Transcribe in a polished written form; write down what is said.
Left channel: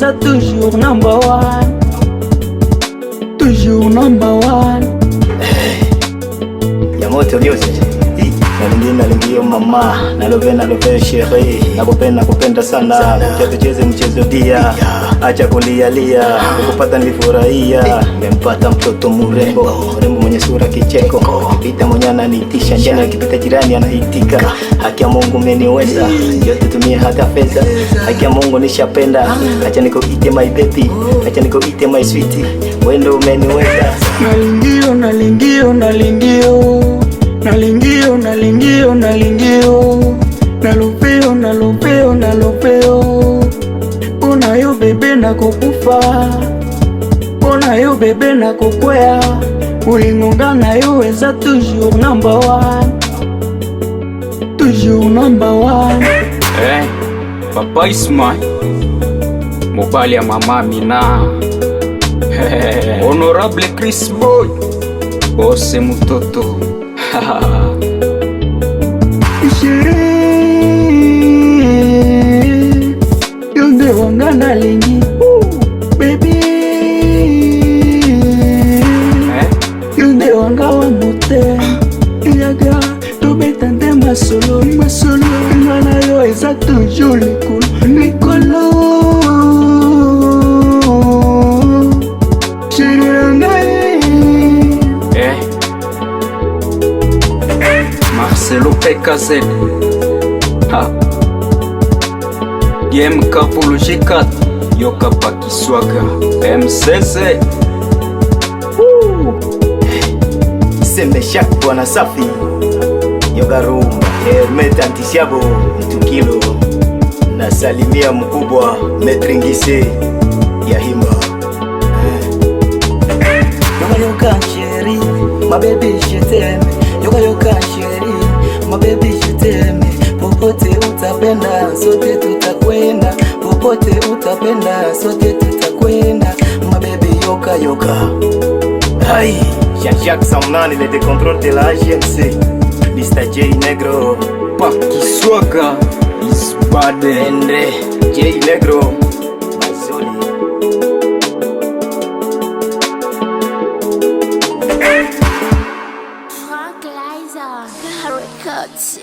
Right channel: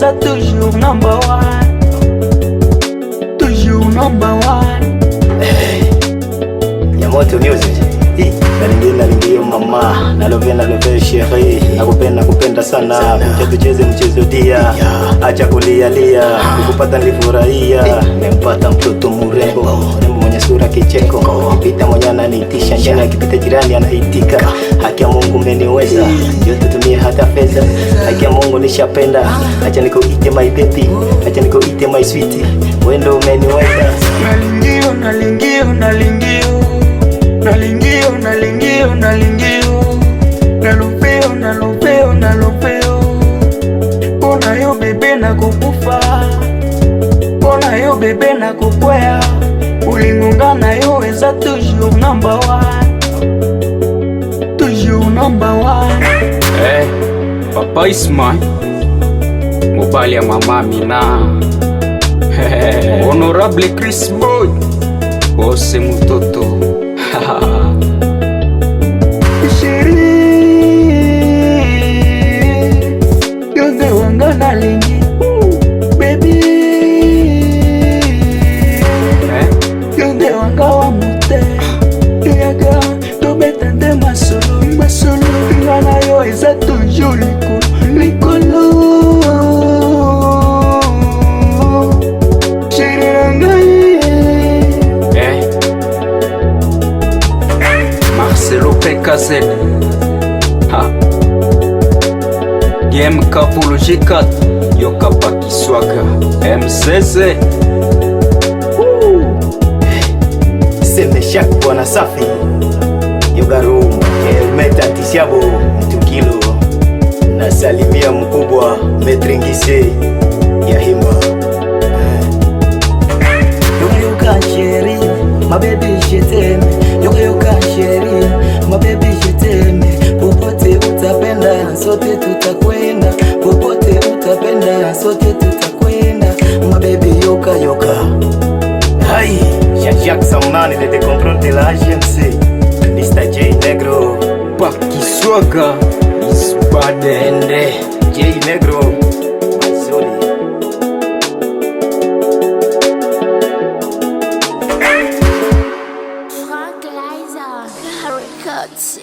eza toujours number one, toujours number one. Yamoto music. Nalingia mama, nalove sheri, nakupenda sana, kucha tucheze mchezo dia, acha kulialia, kukupata nilifurahia, nimempata mtoto mrembo mwenye sura kicheko, kipita mwenye ananitisha, njani akipita jirani anaitika, haki ya Mungu umeniweza, njoo tutumie hata fedha, haki ya Mungu nishapenda, acha nikuite my baby, acha nikuite my sweetie, wewe ndo umeniweza. Nalingio, nalingio, nalingio, nalingio, nalingio, nalingio, nalopeo, nalopeo, nalopeo. Pona yo bebe na kukufa, pona yo bebe na kukwea, ulingonga na yo eza toujours number one, toujours number one. Hey, Papa Isma, mobali ya mama Mina. Honorable Chris Boy, bose mutoto. Sheri, yonde wanga nalingi, baby, yonde wanga wa mute, yaga tobeta nde masolo, masolo, ngana yo eza toujours likolo, likolo. Sheri nangai, Marcelo PKZ, DMK pour le G4, Yoka Pakiswaga, MCC. Seme Shak bwana safi, Yoga Room, Hermet Antisiabo, Mtukilo, nasalimia mkubwa Metringise ya Himba. yoka sheri, my baby je t'aime, yoka sheri, my baby je t'aime. Popote utapenda, sote tutakwenda, popote utapenda, sote tutakwenda, my baby yoka. Aïe, Jean-Jacques Samnani, le décontrôle de la GMC, Mr. J Negro, Pakiswaga, Isbade, Endre, J Negro, Mazoli. Frank Liza Records.